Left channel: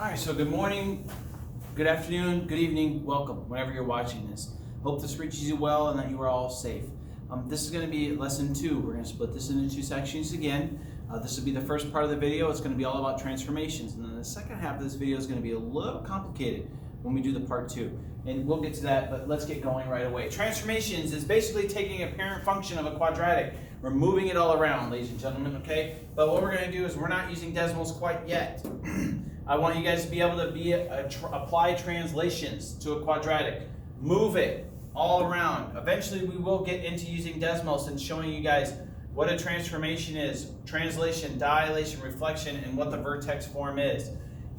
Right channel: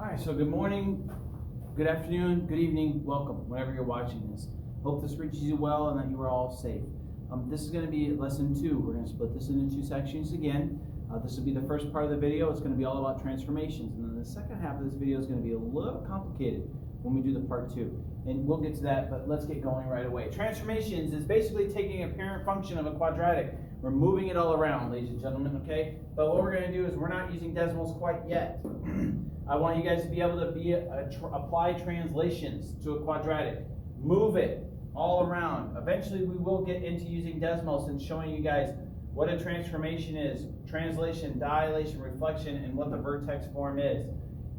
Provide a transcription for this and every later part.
All right, so good morning, good afternoon, good evening, welcome, whenever you're watching this. Hope this reaches you well and that you are all safe. This is going to be lesson 2. We're going to split this into 2 sections again. This will be the first part of the video. It's going to be all about transformations. And then the second half of this video is going to be a little complicated when we do the part 2. And we'll get to that, but let's get going right away. Transformations is basically taking a parent function of a quadratic. We're moving it all around, ladies and gentlemen, okay? But what we're going to do is we're not using decimals quite yet. I want you guys to be able to apply translations to a quadratic. Move it all around. Eventually we will get into using decimals and showing you guys what a transformation is, translation, dilation, reflection, and what the vertex form is.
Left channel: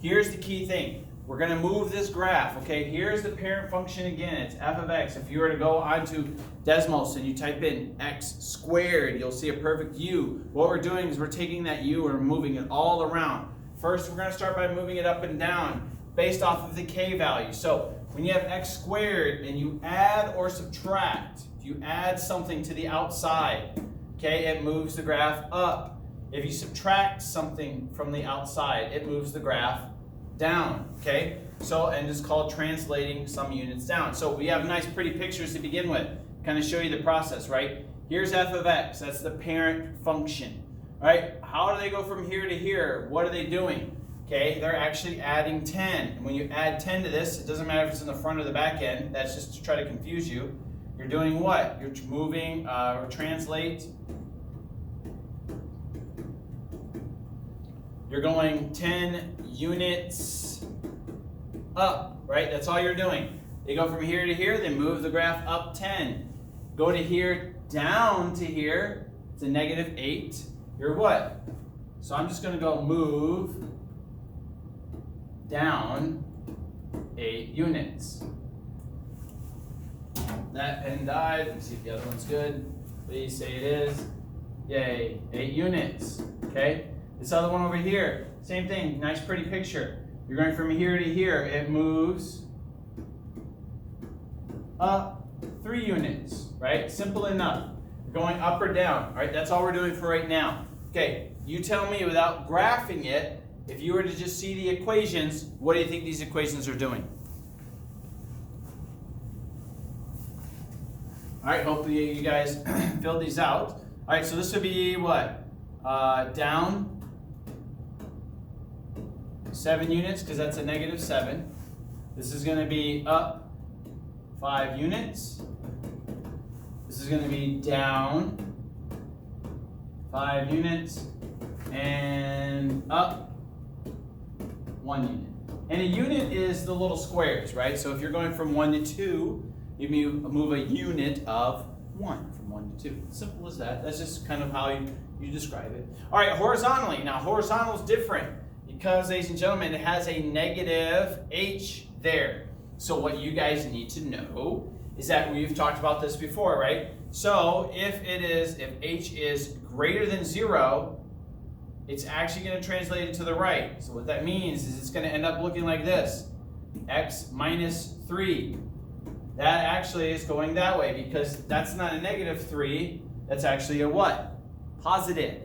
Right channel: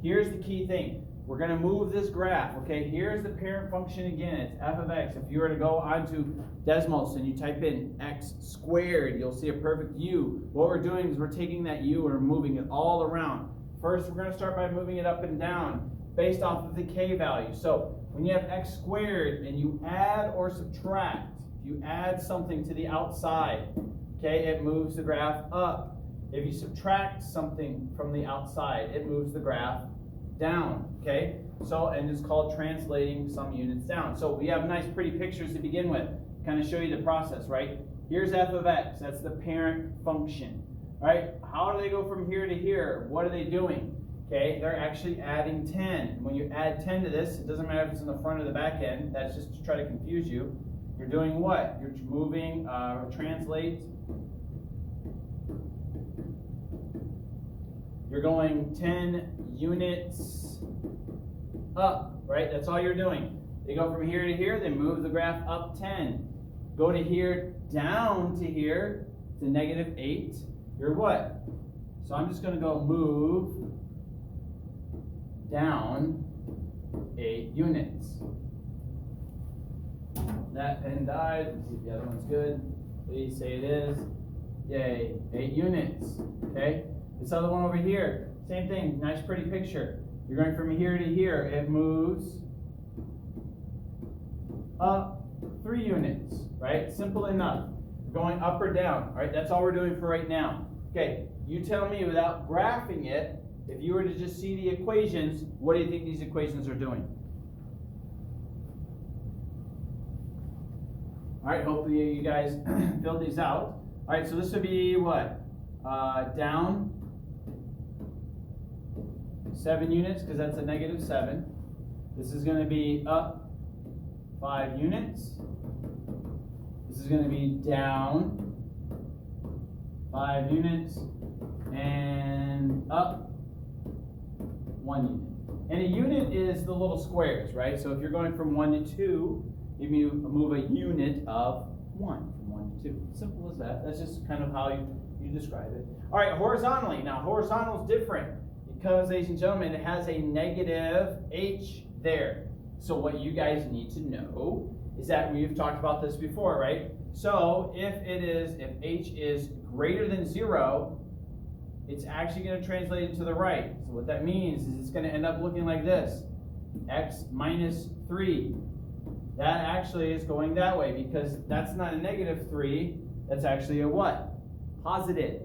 Here's the key thing. We're going to move this graph, okay? Here's the parent function again. It's f of x. If you were to go onto decimals and you type in x squared, you'll see a perfect u. What we're doing is we're taking that u and we're moving it all around. First, we're going to start by moving it up and down based off of the k value. So when you have x squared and you add or subtract, if you add something to the outside, okay, it moves the graph up. If you subtract something from the outside, it moves the graph down, okay? So, and it's called translating some units down. So we have nice pretty pictures to begin with, kind of show you the process, right? Here's f of x, that's the parent function. All right, how do they go from here to here? What are they doing? Okay, they're actually adding 10. And when you add 10 to this, it doesn't matter if it's in the front or the back end. That's just to try to confuse you. You're doing what? You're moving, translate. You're going 10 units up, right? That's all you're doing. They go from here to here, they move the graph up 10. Go to here, down to here, it's a negative 8. You're what? So I'm just going to go move down 8 units. That pen died. Let me see if the other one's good. Please say it is. Yay, 8 units. Okay? This other one over here, same thing. Nice pretty picture. You're going from here to here. It moves up 3 units, right? Simple enough. You're going up or down, all right? That's all we're doing for right now. Okay, you tell me without graphing it, if you were to just see the equations, what do you think these equations are doing? All right, hopefully you guys filled these out. All right, so this would be what? Down 7 units, because that's a negative 7. This is going to be up 5 units. This is going to be down 5 units, and up 1 unit. And a unit is the little squares, right? So if you're going from 1 to 2, you move a unit of 1 from 1 to 2. Simple as that. That's just kind of how you describe it. All right, horizontally. Now, horizontal is different because, ladies and gentlemen, it has a negative h there. So what you guys need to know is that we've talked about this before, right? So if h is greater than 0, it's actually going to translate it to the right. So what that means is it's going to end up looking like this. X minus 3. That actually is going that way because that's not a negative 3. That's actually a what? Positive.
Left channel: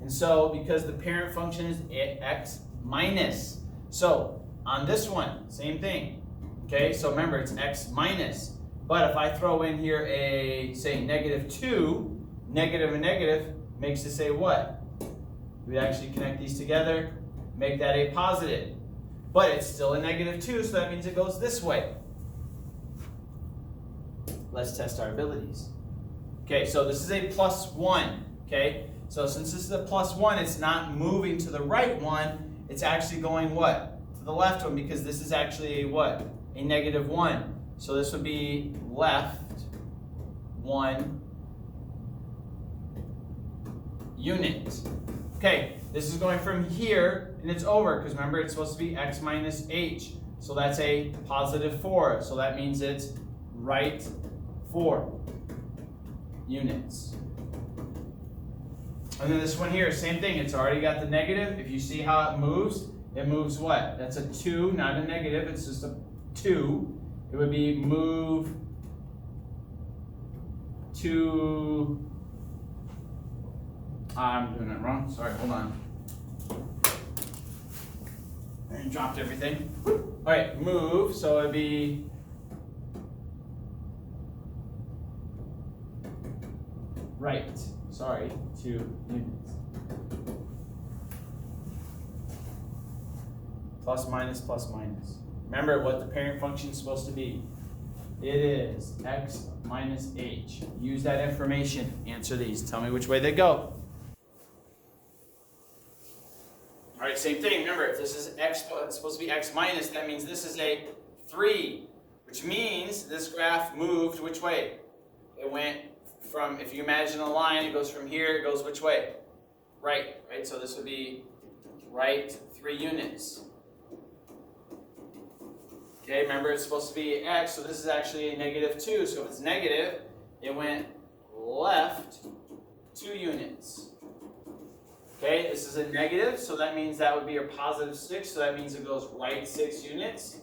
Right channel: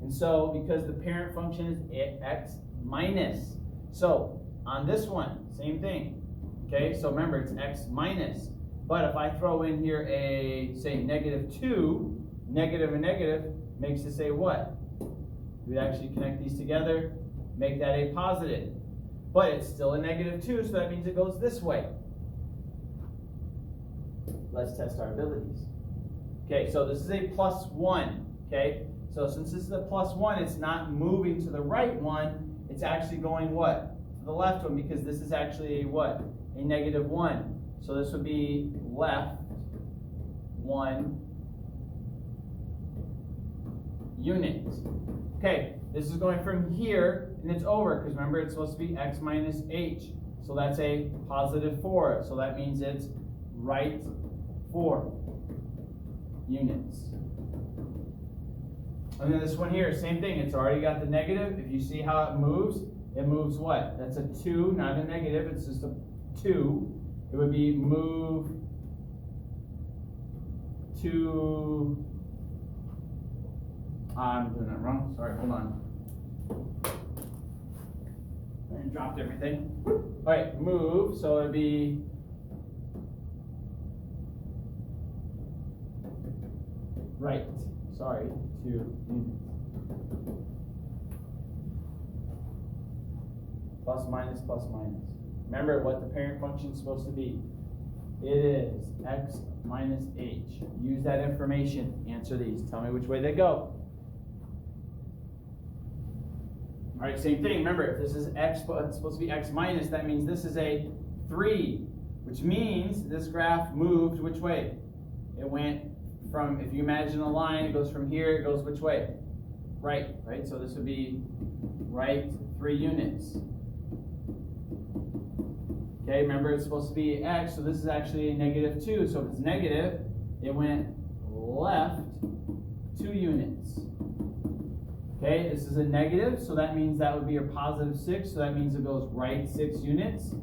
And so because the parent function is x minus. So on this one, same thing. Okay, so remember it's x minus. But if I throw in here a, say, negative 2, negative and negative makes it say what? We'd actually connect these together, make that a positive. But it's still a negative 2, so that means it goes this way. Let's test our abilities. Okay, so this is a plus 1, okay? So since this is a plus 1, it's not moving to the right one, it's actually going what? To the left one, because this is actually a what? A negative 1. So this would be left 1 unit. Okay, this is going from here and it's over because remember it's supposed to be x minus h. So that's a positive 4. So that means it's right 4 units. And then this one here, same thing. It's already got the negative. If you see how it moves what? That's a 2, not a negative. It's just a 2. It would be move to, I'm doing it wrong. Sorry, hold on. dropped everything. All right, move, so it'd be right, sorry, 2 units. Plus minus, plus minus. Remember what the parent function is supposed to be. It is x minus h. Use that information. Answer these. Tell me which way they go. All right, same thing. Remember, if this is x, it's supposed to be x minus, that means this is a 3, which means this graph moved which way? It went from, if you imagine a line, it goes from here, it goes which way? Right, right? So this would be right 3 units. Okay, remember it's supposed to be x, so this is actually a -2. So if it's negative, it went left 2 units. Okay, this is a negative, so that means that would be a +6, so that means it goes right 6 units.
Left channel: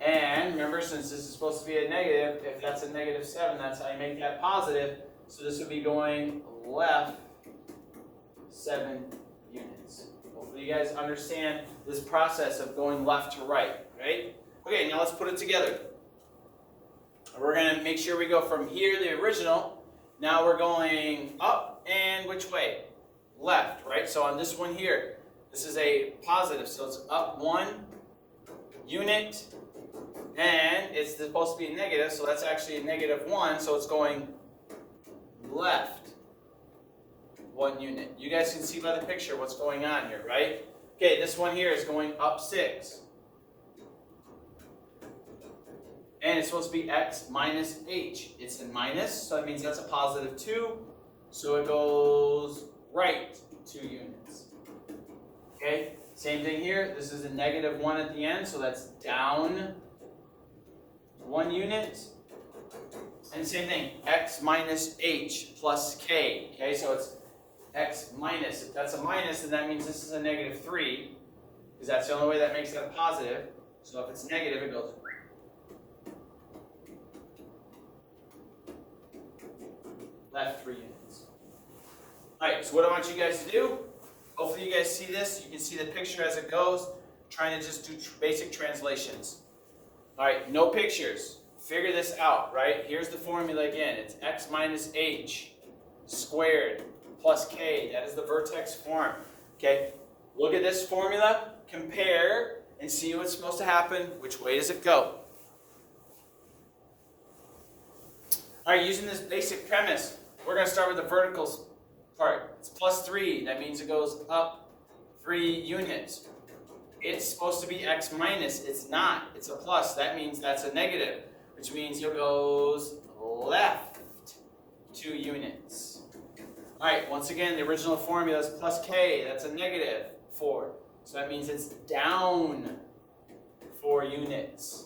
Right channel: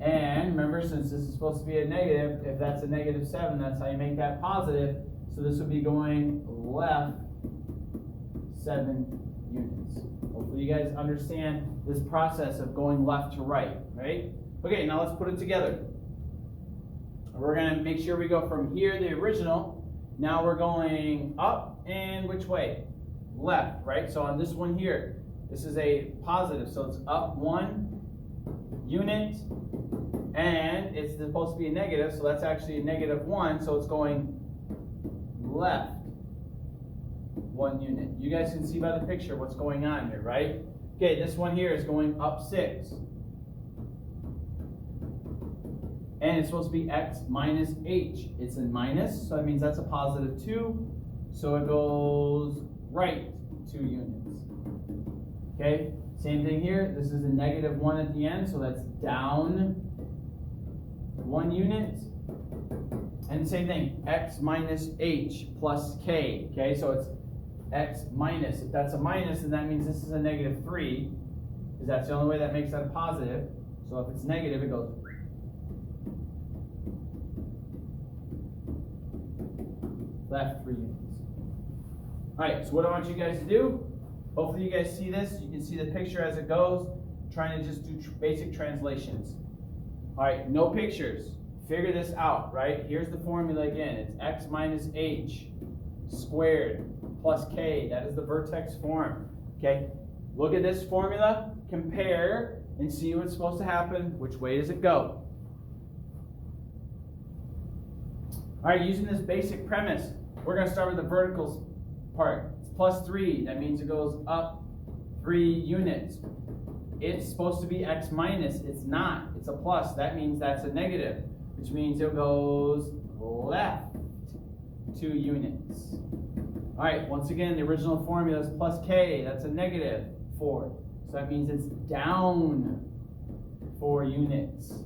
And remember, since this is supposed to be a negative, if that's a -7, that's how you make that positive. So this would be going left 7 units. Hopefully you guys understand this process of going left to right, right? Okay, now let's put it together. We're going to make sure we go from here, the original. Now we're going up and which way? Left, right? So on this one here, this is a positive, so it's up 1 unit, and it's supposed to be a negative, so that's actually a -1, so it's going left 1 unit. You guys can see by the picture what's going on here, right? Okay, this one here is going up 6. And it's supposed to be x minus h. It's in minus, so that means that's a +2. So it goes right 2 units. Okay, same thing here. This is a -1 at the end, so that's down 1 unit. And same thing, x minus h plus k. Okay, so it's x minus. If that's a minus, then that means this is a -3, because that's the only way that makes that a positive. So if it's negative, it goes left 3 units. All right, so what I want you guys to do, hopefully you guys see this. You can see the picture as it goes. Trying to just do basic translations. All right, no pictures. Figure this out, right? Here's the formula again. It's x minus h squared plus k. That is the vertex form. Okay, look at this formula, compare, and see what's supposed to happen. Which way does it go? All right, using this basic premise, we're going to start with the vertical part. It's +3. That means it goes up 3 units. It's supposed to be x minus. It's not. It's a plus. That means that's a negative, which means it goes left 2 units. All right, once again, the original formula is plus k. That's a -4. So that means it's down 4 units.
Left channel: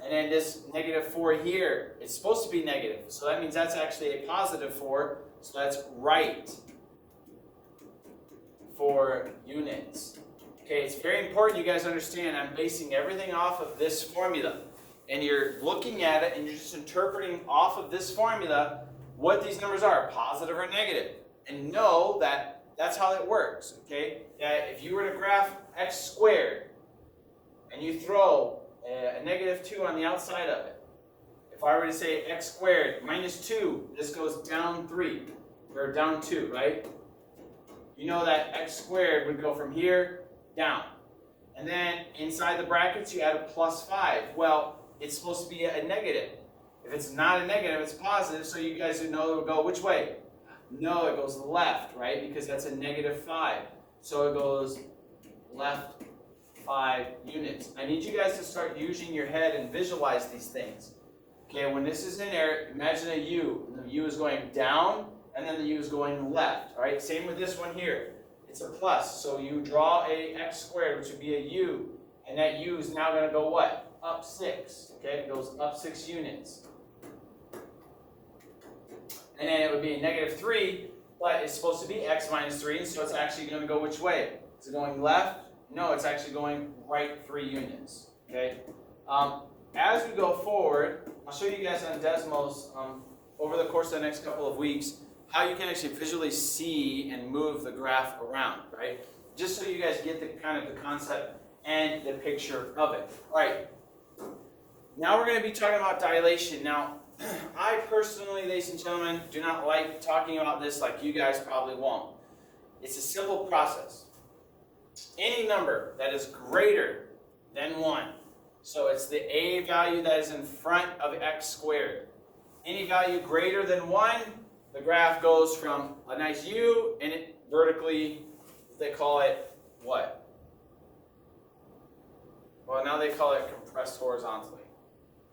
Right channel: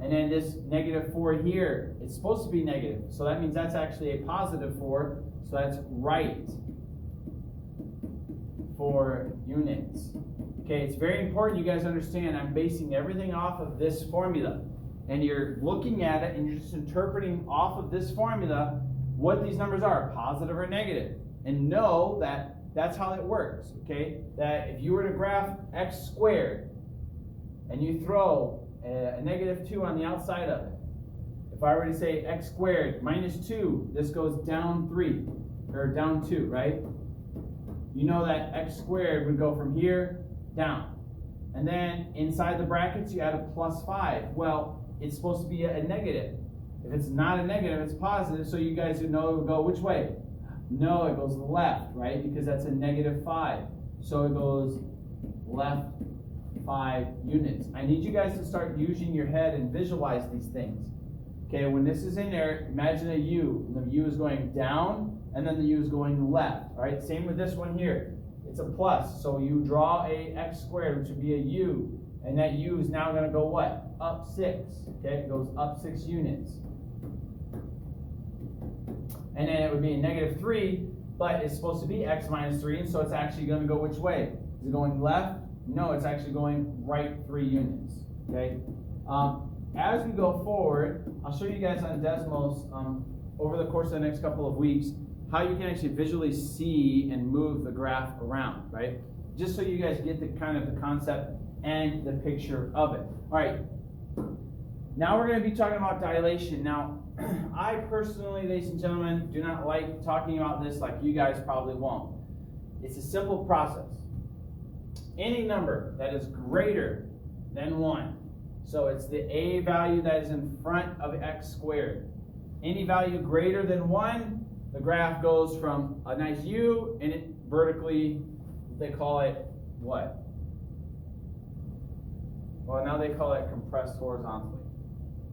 And then this -4 here, it's supposed to be negative. So that means that's actually a +4. So that's right 4 units. Okay, it's very important you guys understand I'm basing everything off of this formula. And you're looking at it and you're just interpreting off of this formula what these numbers are, positive or negative. And know that that's how it works, okay? That if you were to graph x squared and you throw a -2 on the outside of it. If I were to say x squared minus 2, this goes down 3, or down 2, right? You know that x squared would go from here down. And then inside the brackets, you add a +5. Well, it's supposed to be a negative. If it's not a negative, it's positive, so you guys would know it would go which way? No, it goes left, right? Because that's a -5. So it goes left 5 units. I need you guys to start using your head and visualize these things. Okay, when this is in there, imagine a U. And the U is going down, and then the U is going left. All right, same with this one here. It's a plus, so you draw a x squared, which would be a U, and that U is now going to go what? Up 6. Okay, it goes up 6 units. And then it would be a -3, but it's supposed to be x minus 3, and so it's actually going to go which way? Is it going left? No, it's actually going right 3 units. Okay. As we go forward, I'll show you guys on Desmos over the course of the next couple of weeks how you can actually visually see and move the graph around, right? just so you guys get the kind of the concept and the picture of it. All right, now we're going to be talking about dilation. Now, I personally, ladies and gentlemen, do not like talking about this like you guys probably won't. It's a simple process. Any number that is greater than 1, so it's the a value that is in front of x squared. Any value greater than 1, the graph goes from a nice U and it vertically, they call it what? Well, now they call it compressed horizontally.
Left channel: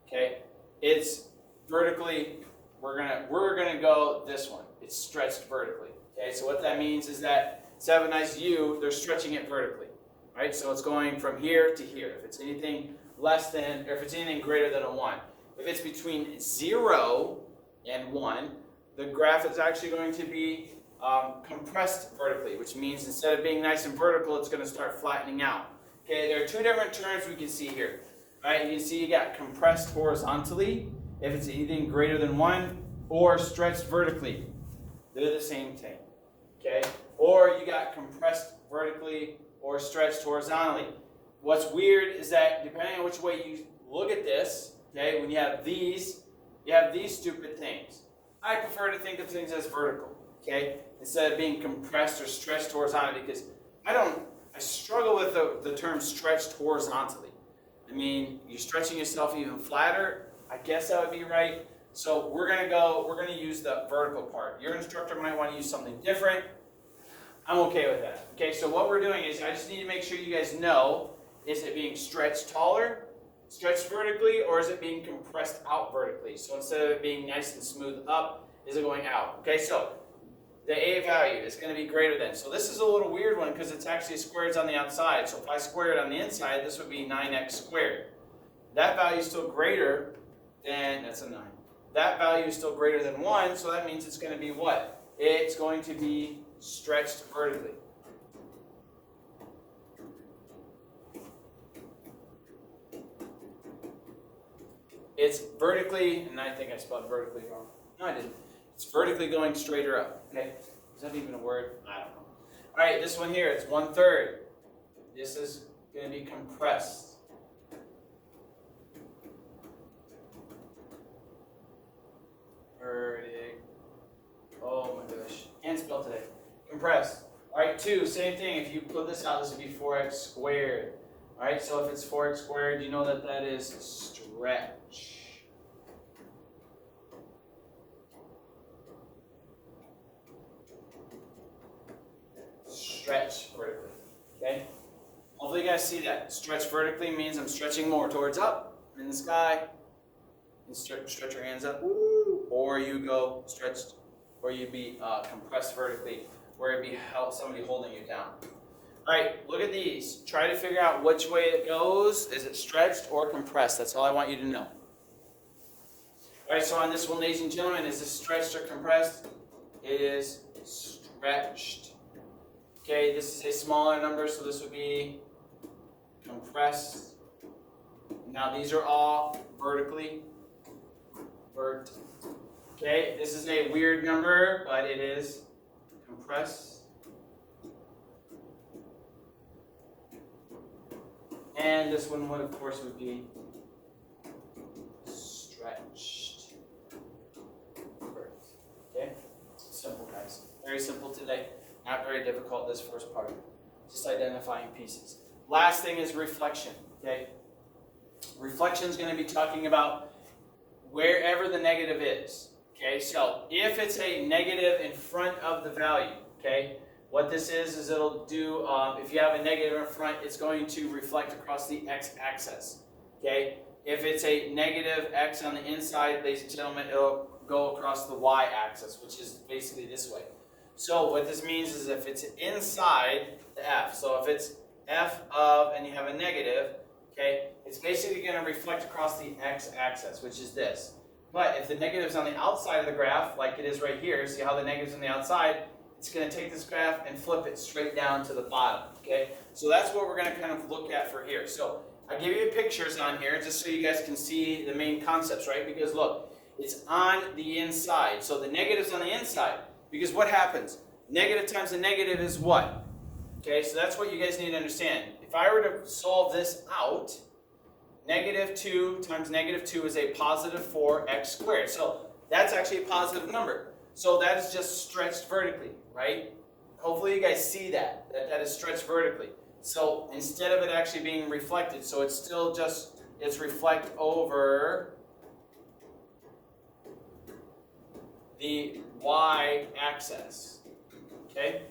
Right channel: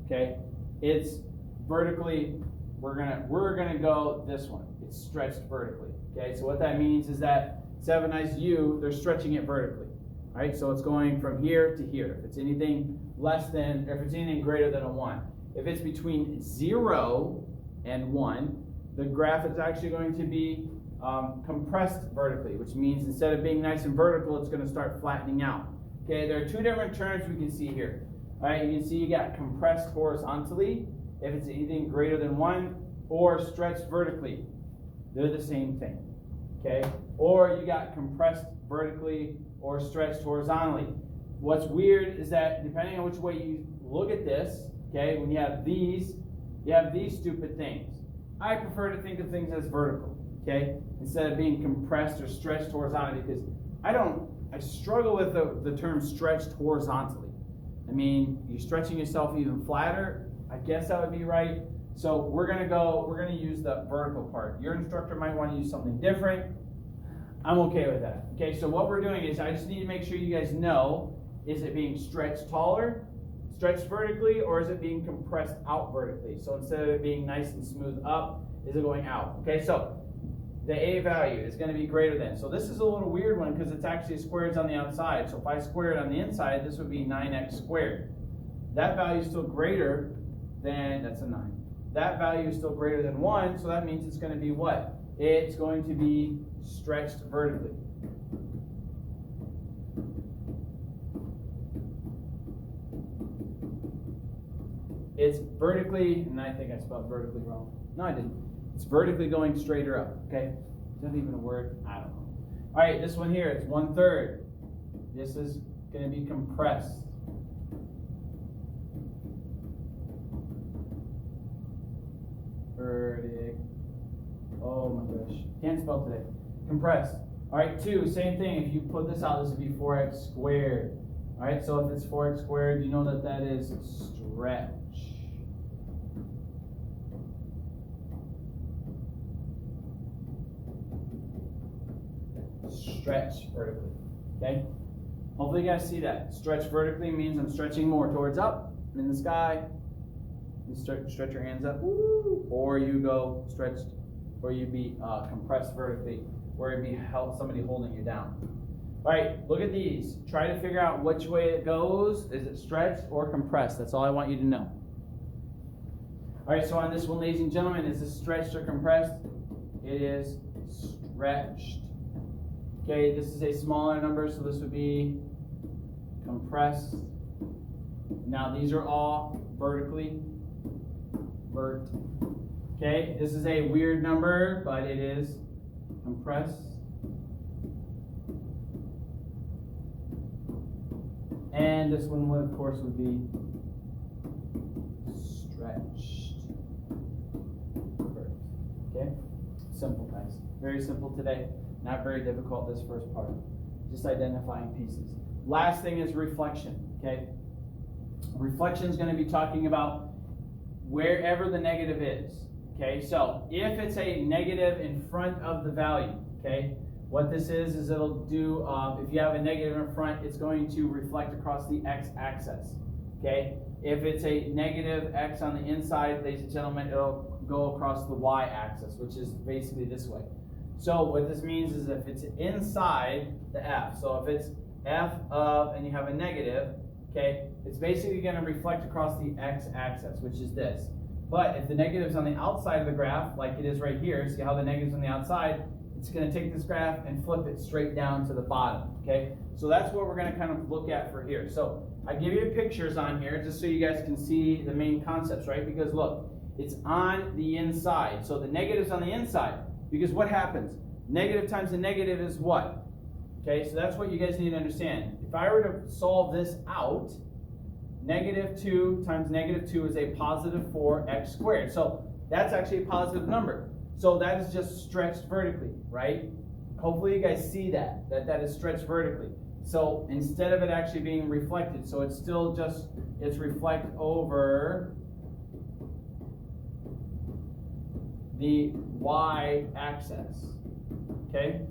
Okay? It's vertically, we're gonna go this one. It's stretched vertically. Okay, so what that means is that instead of a nice U, they're stretching it vertically. Right? So it's going from here to here. If it's anything less than, or if it's anything greater than a 1. If it's between 0 and 1, the graph is actually going to be compressed vertically, which means instead of being nice and vertical, it's going to start flattening out. Okay, there are 2 different terms we can see here. All right, you can see you got compressed horizontally, if it's anything greater than 1, or stretched vertically. They're the same thing. Okay, or you got compressed vertically or stretched horizontally. What's weird is that depending on which way you look at this, okay, when you have these stupid things. I prefer to think of things as vertical, okay, instead of being compressed or stretched horizontally, because I struggle with the term stretched horizontally. I mean, you're stretching yourself even flatter. I guess that would be right. So we're gonna use the vertical part. Your instructor might want to use something different. I'm okay with that. Okay, so what we're doing is I just need to make sure you guys know, is it being stretched taller, stretched vertically, or is it being compressed out vertically? So instead of it being nice and smooth up, is it going out? Okay, so the a value is going to be greater than. So this is a little weird one because it's actually squares on the outside. So if I square it on the inside, this would be 9x squared. That value is still greater than, that's a 9. That value is still greater than 1, so that means it's going to be what? It's going to be stretched vertically. It's vertically, and I think I spelled vertically wrong. No, I didn't. It's vertically going straighter up, okay? Is that even a word? I don't know. All right, this one here, it's 1/3. This is going to be compressed. Oh my gosh, can't spell today. Compressed. All right, 2, same thing. If you put this out, this would be 4x squared. All right, so if it's 4x squared, you know that that is stretch. Stretch vertically, okay? Hopefully you guys see that. Stretch vertically means I'm stretching more towards up. I'm in the sky. You stretch your hands up, or you go stretched, or you be compressed vertically, where it'd be somebody holding you down. All right, look at these. Try to figure out which way it goes. Is it stretched or compressed? That's all I want you to know. All right, so on this one, ladies and gentlemen, is this stretched or compressed? It is stretched. Okay, this is a smaller number, so this would be compressed. Now these are all vertically. Vert. Okay, this is a weird number, but it is compressed. And this one would, of course, would be stretched. Vert. Okay, simple, guys. Very simple today. Not very difficult, this first part. Just identifying pieces. Last thing is reflection, okay? Reflection is going to be talking about wherever the negative is, okay? So if it's a negative in front of the value, okay? What this is it'll do, if you have a negative in front, it's going to reflect across the x-axis, okay? If it's a negative x on the inside, ladies and gentlemen, it'll go across the y-axis, which is basically this way. So what this means is if it's inside the f, so if it's f of, and you have a negative, okay, it's basically going to reflect across the x-axis, which is this. But if the negative's on the outside of the graph, like it is right here, see how the negative's on the outside, it's going to take this graph and flip it straight down to the bottom, okay? So that's what we're going to kind of look at for here. So I give you pictures on here just so you guys can see the main concepts, right? Because look, it's on the inside. So the negative's on the inside. Because what happens? Negative times a negative is what? Okay, so that's what you guys need to understand. If I were to solve this out, -2 times -2 is a positive 4x squared. So that's actually a positive number. So that is just stretched vertically, right? Hopefully you guys see that is stretched vertically. So instead of it actually being reflected, so it's still just, it's reflect over the y-axis, okay?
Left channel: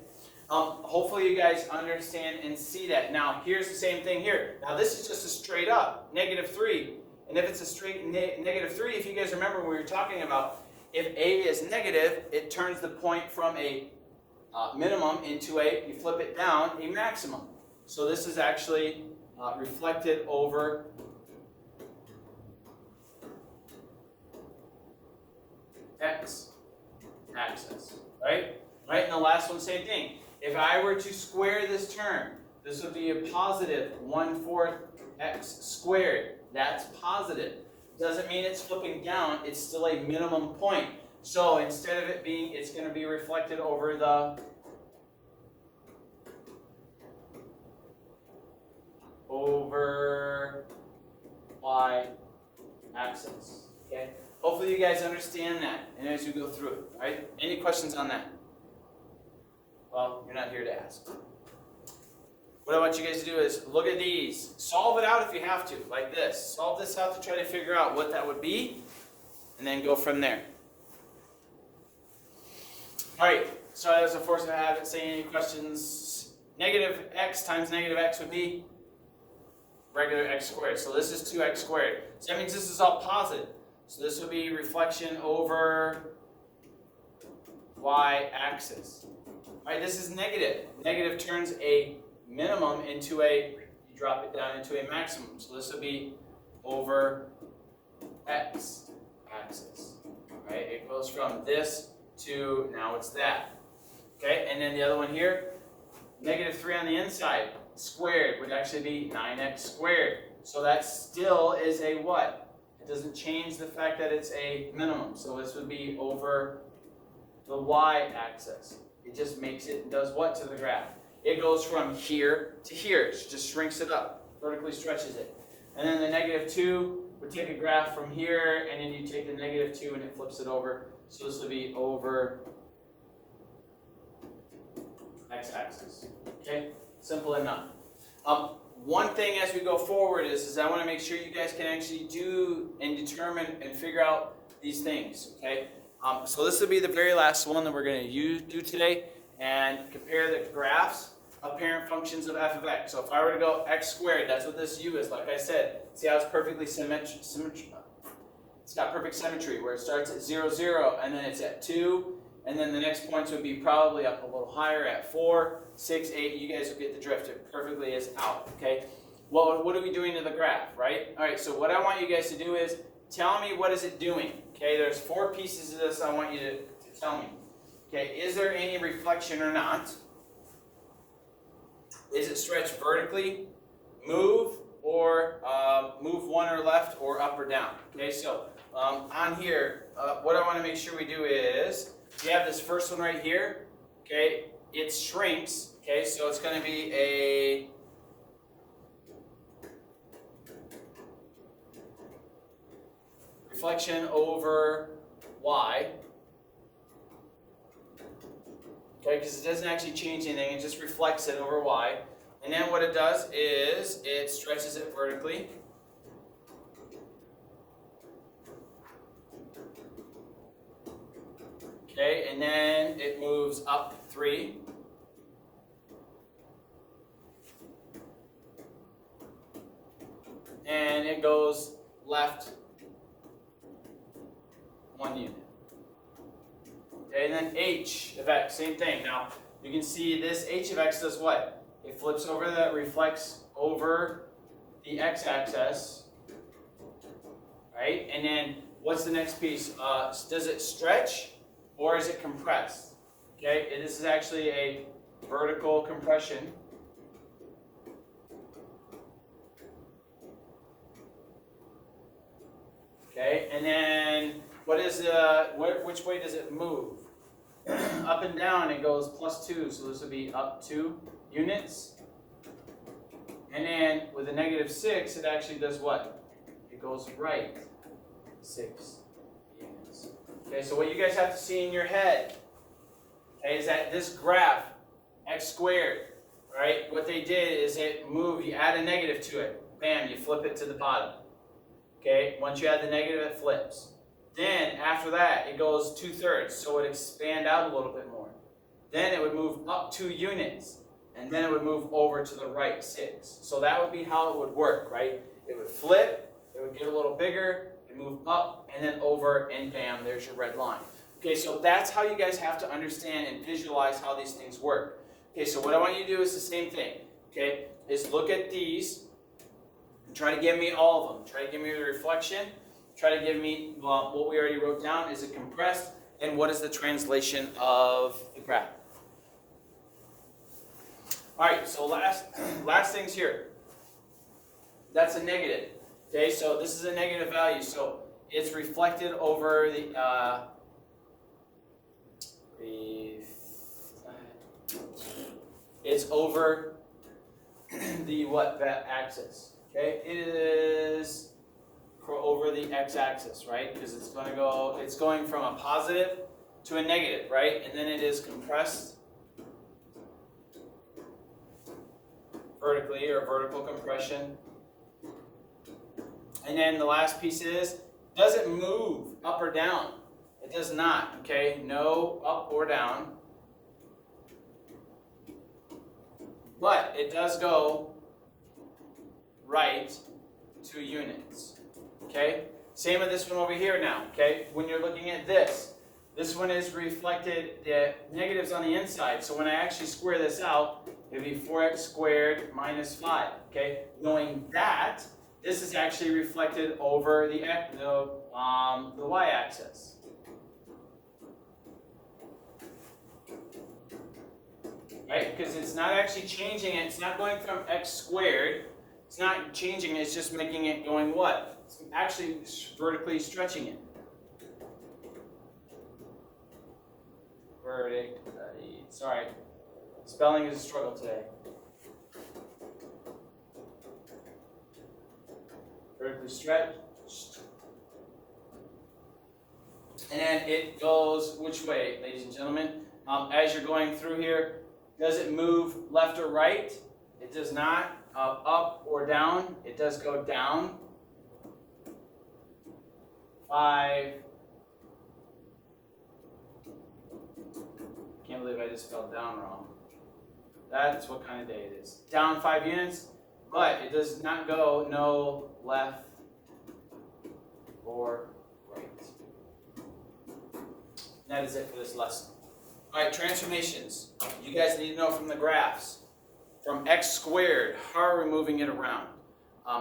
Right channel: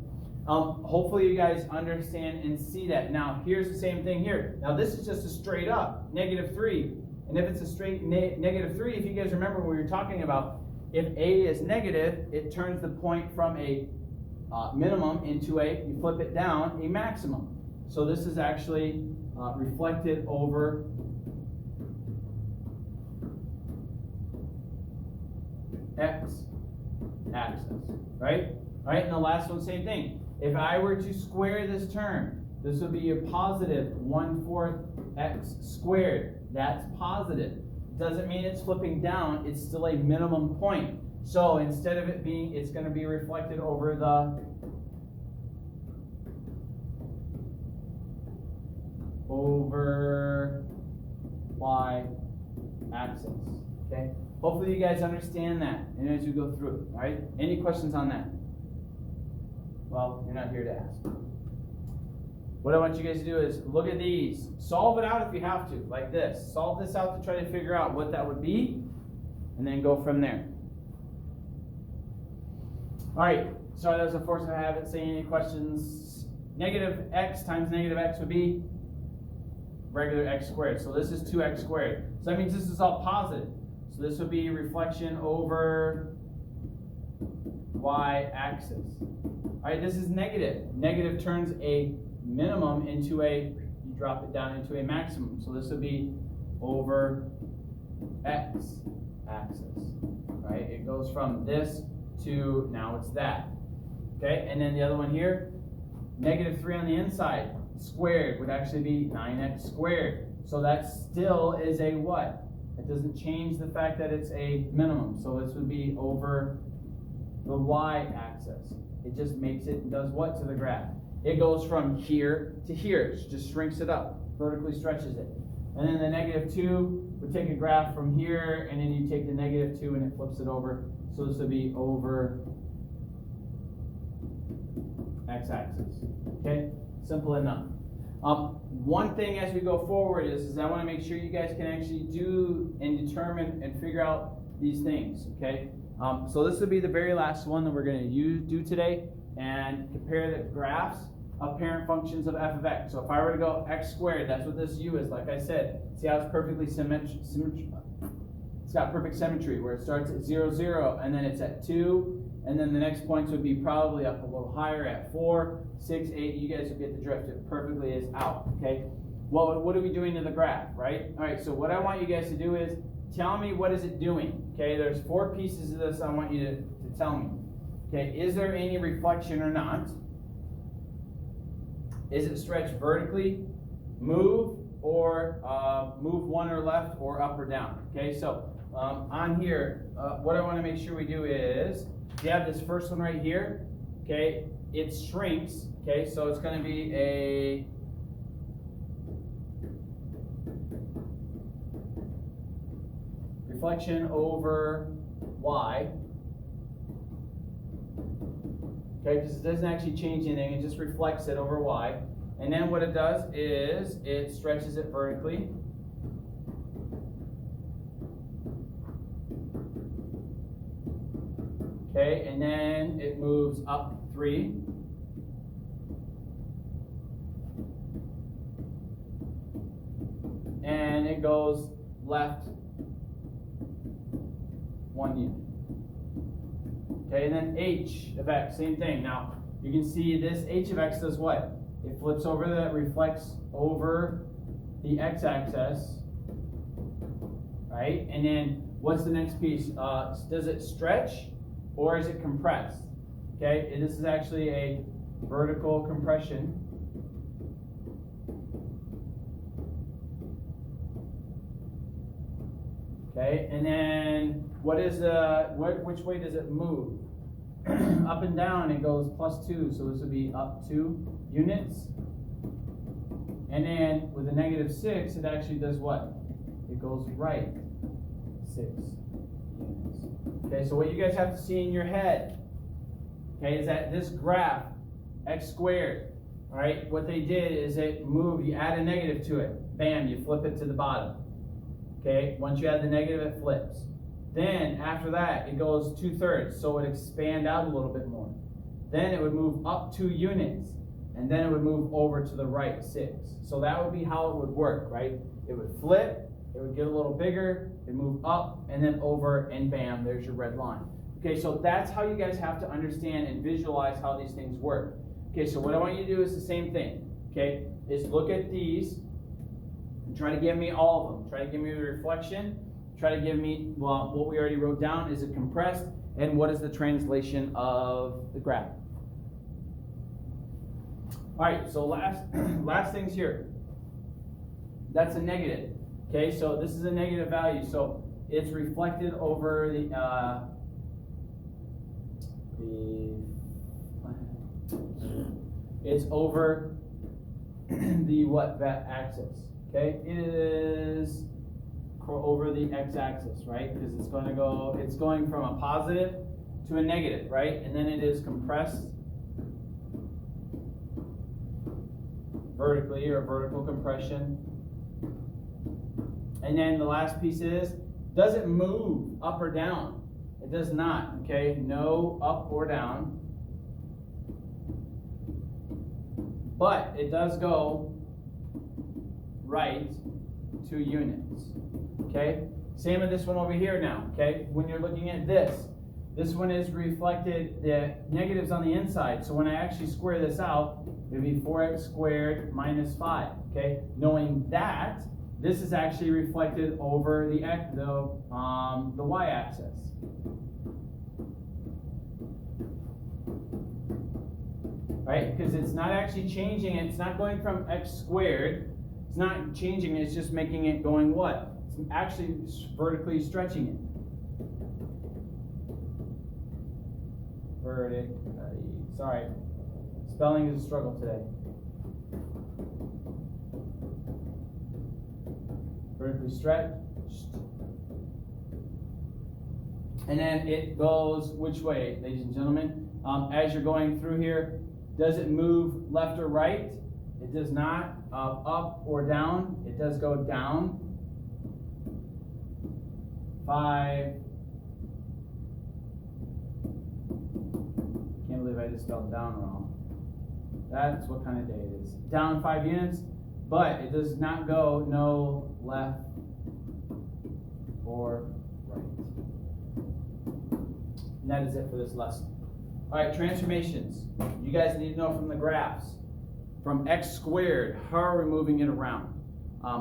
Hopefully you guys understand and see that. Now here's the same thing here. Now this is just a straight up, -3. And if it's a straight -3, if you guys remember what we were talking about, if A is negative, it turns the point from a minimum into a, you flip it down, a maximum. So this is actually reflected over x-axis, right? All right, and the last one, same thing. If I were to square this term, this would be a positive 1/4 x squared. That's positive. Doesn't mean it's flipping down, it's still a minimum point. So instead of it being, it's going to be reflected over the y-axis. Okay? Hopefully you guys understand that, and as we go through it, all right? Any questions on that? Well, you're not here to ask. What I want you guys to do is look at these. Solve it out if you have to, like this. Solve this out to try to figure out what that would be, and then go from there. All right, so as a force of habit, saying any questions? -x times -x would be regular x squared. So this is 2x squared. So that means this is all positive. So this would be reflection over y-axis. All right, this is negative. Negative turns a minimum into a, you drop it down into a maximum. So this would be over x-axis, right? It goes from this to, now it's that. Okay, and then the other one here, -3 on the inside, squared would actually be 9x squared. So that still is a what? It doesn't change the fact that it's a minimum. So this would be over the y-axis. It just makes it, does what to the graph? It goes from here to here. It just shrinks it up, vertically stretches it. And then the -2 would take a graph from here, and then you take the -2 and it flips it over. So this would be over x-axis. Okay, simple enough. One thing as we go forward is I want to make sure you guys can actually do and determine and figure out these things. Okay, so this will be the very last one that we're going to do today, and compare the graphs of parent functions of f of x. So if I were to go x squared, that's what this u is. Like I said, see how it's perfectly symmetric. It's got perfect symmetry where it starts at 0, 0, and then it's at 2. And then the next points would be probably up a little higher at 4, 6, 8. You guys will get the drift. It perfectly is out, okay? Well, what are we doing to the graph, right? All right, so what I want you guys to do is tell me what is it doing, okay? There's 4 pieces of this I want you to tell me. Okay, is there any reflection or not? Is it stretched vertically, move, or move one or left or up or down? Okay, so on here, what I want to make sure we do is, we have this first one right here, okay, it shrinks, okay, so it's going to be a reflection over y, okay, because it doesn't actually change anything, it just reflects it over y. And then what it does is it stretches it vertically. Okay, and then it moves up 3. And it goes left 1 unit. Okay, and then h of x, same thing. Now, you can see this h of x does what? It flips over, that reflects over the x-axis, right? And then what's the next piece? Does it stretch or is it compressed? Okay, and this is actually a vertical compression. Okay, and then what is which way does it move? up and down, it goes +2, so this would be up 2 units. And then with a -6, it actually does what? It goes right 6 units. Okay, so what you guys have to see in your head, okay, is that this graph, x squared, right? What they did is it moved, you add a negative to it. Bam, you flip it to the bottom. Okay, once you add the negative, it flips. Then after that, it goes 2/3, so it would expand out a little bit more. Then it would move up 2 units, and then it would move over to the right 6. So that would be how it would work, right? It would flip, it would get a little bigger, it move up, and then over, and bam, there's your red line. Okay, so that's how you guys have to understand and visualize how these things work. Okay, so what I want you to do is the same thing, okay? Is look at these and try to give me all of them. Try to give me the reflection. Try to give me, well, what we already wrote down. Is it compressed? And what is the translation of the graph? All right, so last things here. That's a negative. Okay, so this is a negative value. So it's reflected over the, it's over the what axis? Okay, it is over the x-axis, right? Because it's going from a positive to a negative, right? And then it is compressed vertically, or vertical compression. And then the last piece is, does it move up or down? It does not, okay? No up or down. But it does go right 2 units, okay? Same with this one over here now, okay? When you're looking at this one is reflected, the negatives on the inside. So when I actually square this out, it'd be 4x squared minus 5, okay? Knowing that, this is actually reflected over the y-axis. Right? Because it's not actually changing it. It's not going from x squared. It's not changing it. It's just making it going what? It's actually vertically stretching it. Vertically. Sorry. Spelling is a struggle today. Vertically stretched. And then it goes which way, ladies and gentlemen? As you're going through here, does it move left or right? It does not. Up or down? It does go down. 5. Can't believe I just spelled down wrong. That's what kind of day it is. Down 5 units, but it does not go no left or right. And that is it for this lesson. All right, transformations. You guys need to know from the graphs. From x squared, how are we moving it around?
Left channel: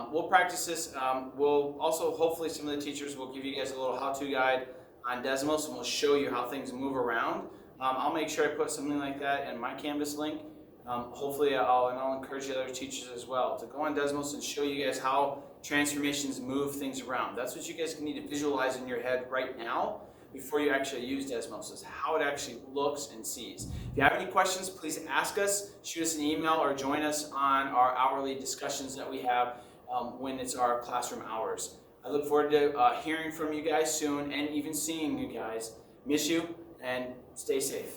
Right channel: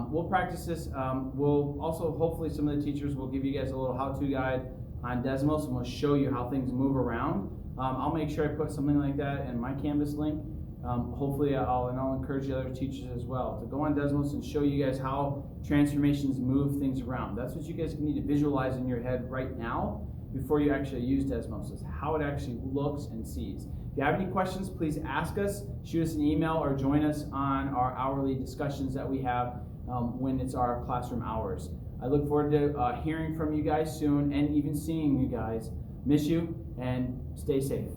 We'll practice this. We'll also, hopefully some of the teachers will give you guys a little how-to guide on Desmos, and we'll show you how things move around. I'll make sure I put something like that in my Canvas link. Hopefully I'll encourage the other teachers as well to go on Desmos and show you guys how transformations move things around. That's what you guys need to visualize in your head right now before you actually use Desmos, is how it actually looks and sees. If you have any questions, please ask us, shoot us an email, or join us on our hourly discussions that we have when it's our classroom hours. I look forward to hearing from you guys soon and even seeing you guys. Miss you, and stay safe.